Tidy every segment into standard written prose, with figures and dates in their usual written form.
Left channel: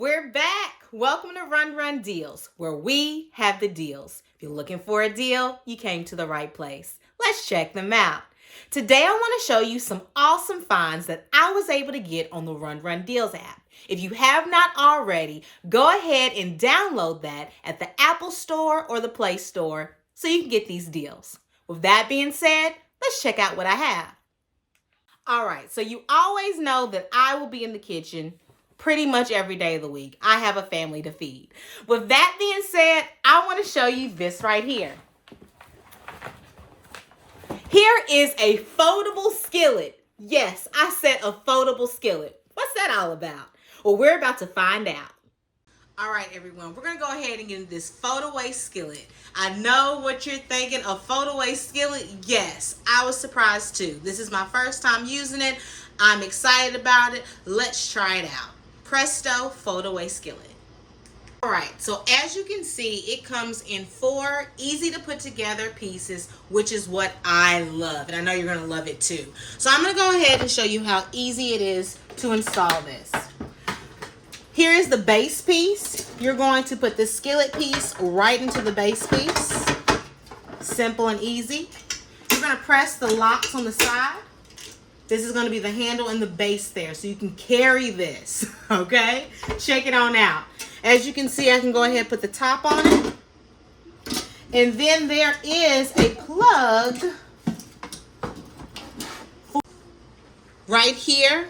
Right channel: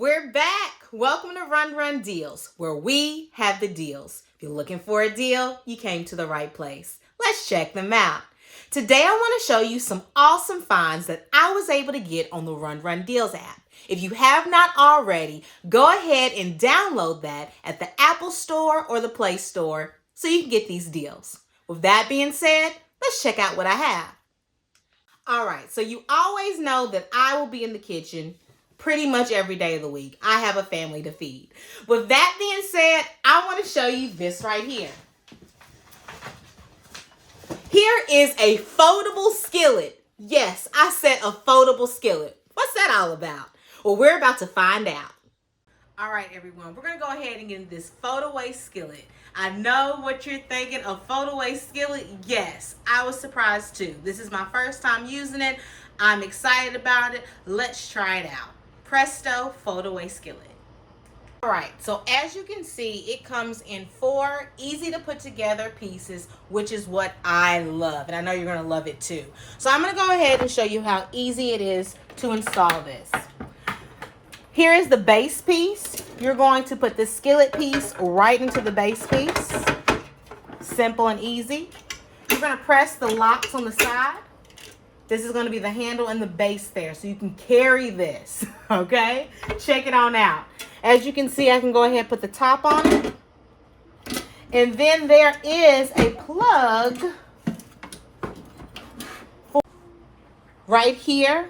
We're back. Welcome to Run Run Deals, where we have the deals. If you're looking for a deal, you came to the right place. Let's check them out. Today, I want to show you some awesome finds that I was able to get on the Run Run Deals app. If you have not already, go ahead and download that at the Apple Store or the Play Store so you can get these deals. With that being said, let's check out what I have. All right, so you always know that I will be in the kitchen pretty much every day of the week. I have a family to feed. With that being said, I want to show you this right here. Here is a foldable skillet. Yes, I said a foldable skillet. What's that all about? Well, we're about to find out. All right, everyone, we're going to go ahead and get into this Foldaway Skillet. I know what you're thinking, a Foldaway Skillet. Yes, I was surprised too. This is my first time using it. I'm excited about it. Let's try it out. Presto Foldaway Skillet. All right, so as you can see, it comes in 4 easy to put together pieces, which is what I love, and I know you're gonna love it too. So I'm gonna go ahead and show you how easy it is to install this. Here is the base piece. You're going to put the skillet piece right into the base piece. Simple and easy. You're gonna press the locks on the side. This is going to be the handle and the base there, so you can carry this, okay? Check it on out. As you can see, I can go ahead and put the top on it. And then there is a plug. Right here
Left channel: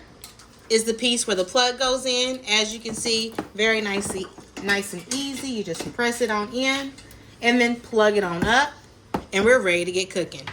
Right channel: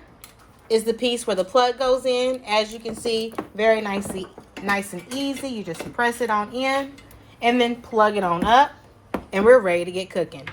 is the piece where the plug goes in. As you can see, very nice and easy. You just press it on in and then plug it on up, and we're ready to get cooking.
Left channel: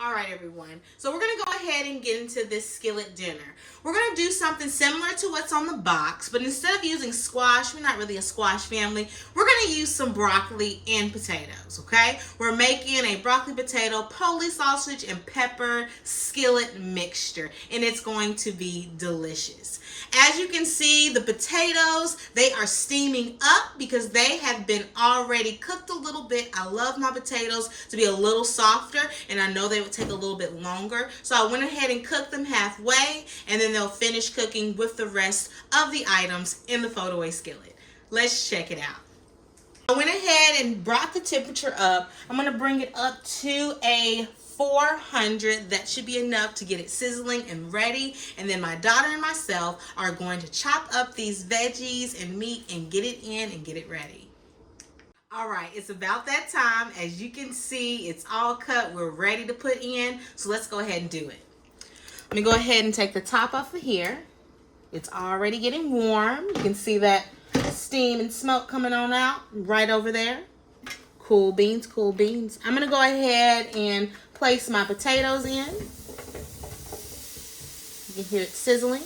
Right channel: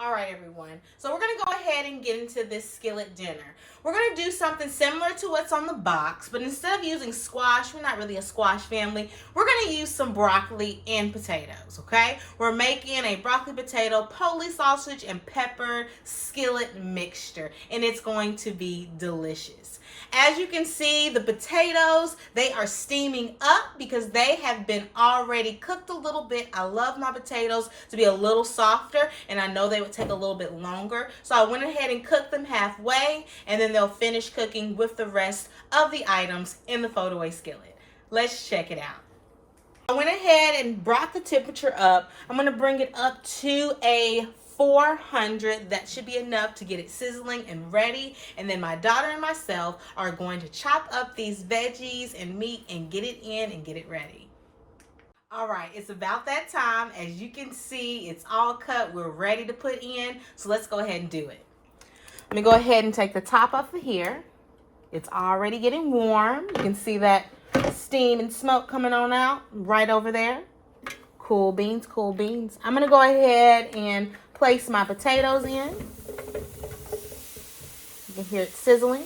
All right, everyone. So we're going to go ahead and get into this skillet dinner. We're going to do something similar to what's on the box, but instead of using squash, we're not really a squash family, we're going to use some broccoli and potatoes, okay? We're making a broccoli, potato, poli sausage, and pepper skillet mixture, and it's going to be delicious. As you can see, the potatoes, they are steaming up because they have been already cooked a little bit. I love my potatoes to be a little softer, and I know they would take a little bit longer. So I went ahead and cooked them halfway, and then they'll finish cooking with the rest of the items in the Foldaway Skillet. Let's check it out. I went ahead and brought the temperature up. I'm going to bring it up to a 400. That should be enough to get it sizzling and ready. And then my daughter and myself are going to chop up these veggies and meat and get it in and get it ready. All right, it's about that time. As you can see, it's all cut. We're ready to put in. So let's go ahead and do it. Let me go ahead and take the top off of here. It's already getting warm. You can see that steam and smoke coming on out right over there. Cool beans, cool beans. I'm going to go ahead and place my potatoes in. You can hear it sizzling.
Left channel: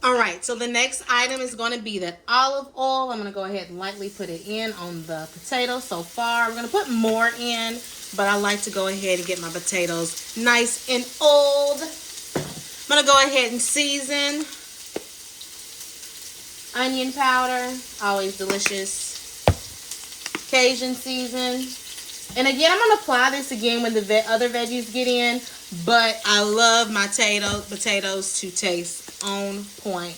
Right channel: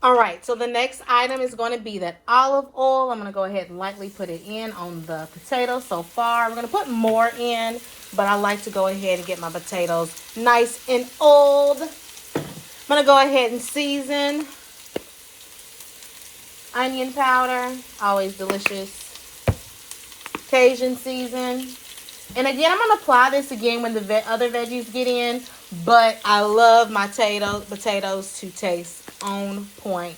All right, so the next item is going to be that olive oil. I'm going to go ahead and lightly put it in on the potatoes so far. I'm going to put more in, but I like to go ahead and get my potatoes nice and old. I'm going to go ahead and season. Onion powder, always delicious. Cajun season. And again, I'm going to apply this again when the other veggies get in, but I love my potatoes to taste on point.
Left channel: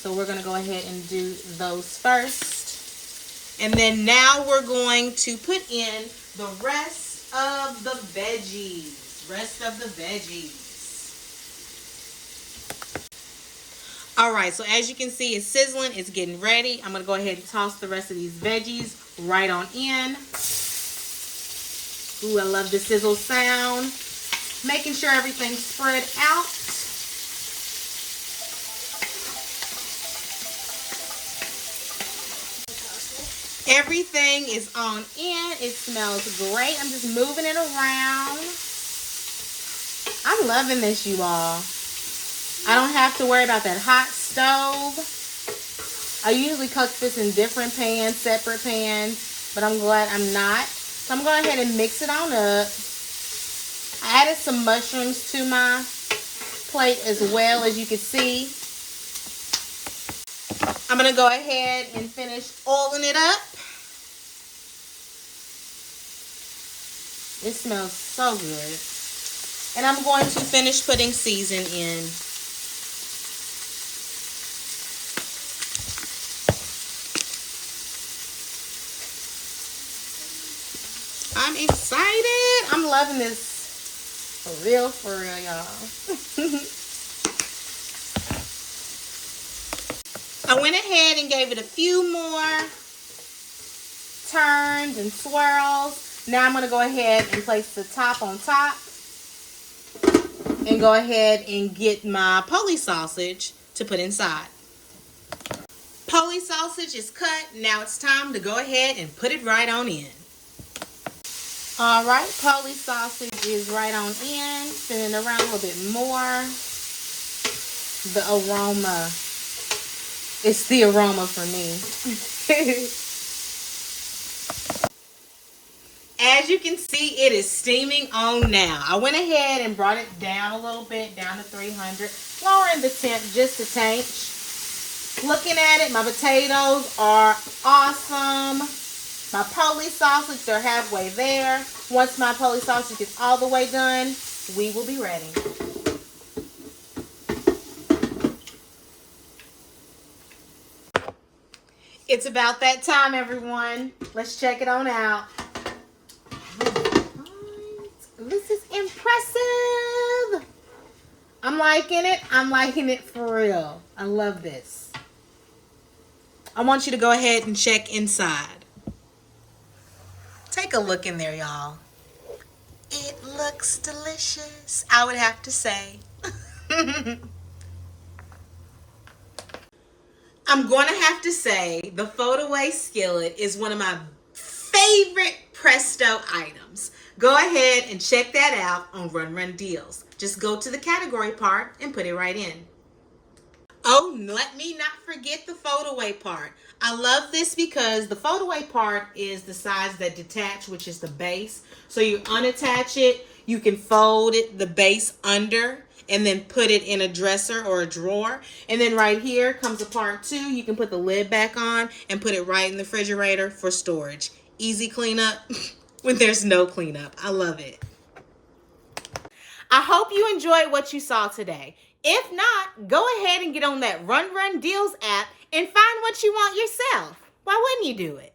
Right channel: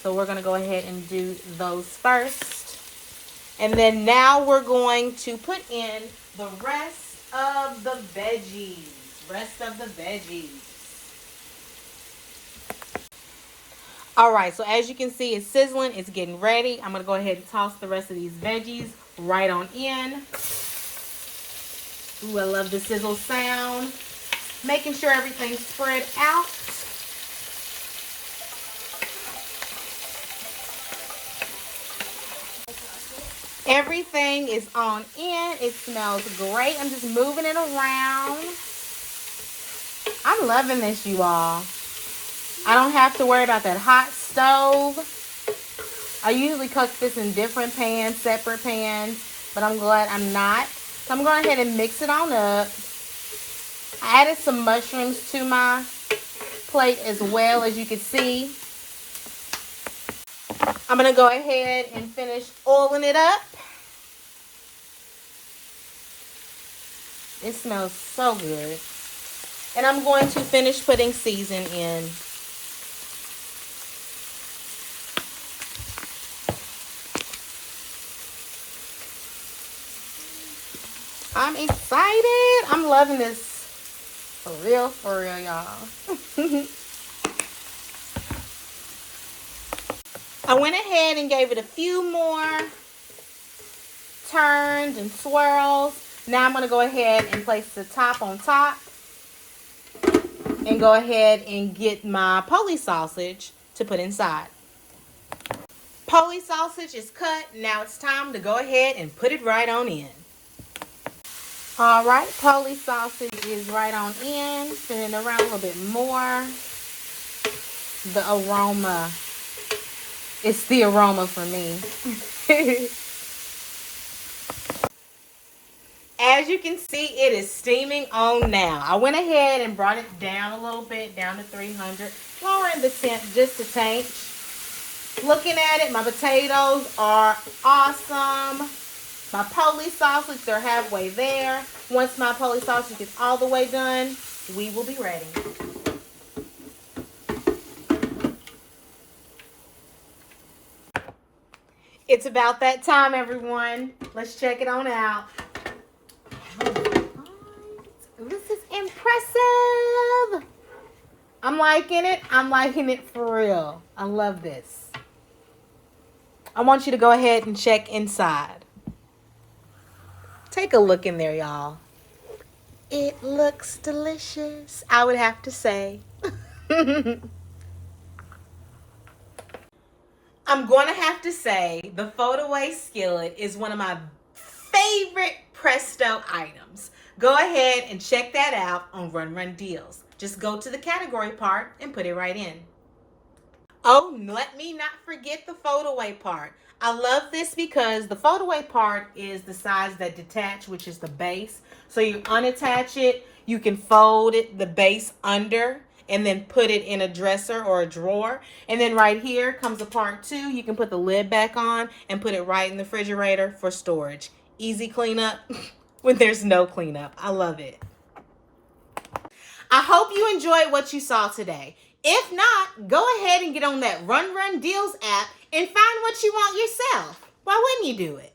So we're going to go ahead and do those first. And then now we're going to put in the rest of the veggies. All right, so as you can see, it's sizzling. It's getting ready. I'm going to go ahead and toss the rest of these veggies right on in. Ooh, I love the sizzle sound. Making sure everything's spread out. Everything is on in. It smells great. I'm just moving it around. I'm loving this, you all. I don't have to worry about that hot stove. I usually cook this in different pans, separate pans, but I'm glad I'm not. So I'm going ahead and mix it on up. I added some mushrooms to my plate as well, as you can see. I'm going to go ahead and finish oiling it up. It smells so good. And I'm going to finish putting season in. I'm excited. I'm loving this. For real, y'all. I went ahead and gave it a few more turns and swirls. Now I'm going to go ahead and place the top on top. And go ahead and get my poli sausage to put inside. Poli sausage is cut. Now it's time to go ahead and put it right on in. Alright, poli sausage is right on in. Spin it around a little bit more. The aroma. It's the aroma for me. As you can see, it is steaming on now. I went ahead and brought it down a little bit, down to 300. Lowering the temp just a tinch. Looking at it, my potatoes are awesome. My poli sausage are halfway there. Once my poli sausage is all the way done, we will be ready. It's about that time, everyone. Let's check it on out. This is impressive. I'm liking it. I'm liking it for real. I love this. I want you to go ahead and check inside. Take a look in there, y'all. It looks delicious, I would have to say. I'm going to have to say the Foldaway Skillet is one of my favorite Presto items. Go ahead and check that out on Run Deals. Just go to the category part and put it right in. Oh, let me not forget the foldaway part. I love this because the foldaway part is the sides that detach, which is the base. So you unattach it, you can fold it, the base under, and then put it in a dresser or a drawer. And then right here comes the part 2. You can put the lid back on and put it right in the refrigerator for storage. Easy cleanup when there's no cleanup. I love it. I hope you enjoyed what you saw today. If not, go ahead and get on that Run Deals app and find what you want yourself. Why wouldn't you do it?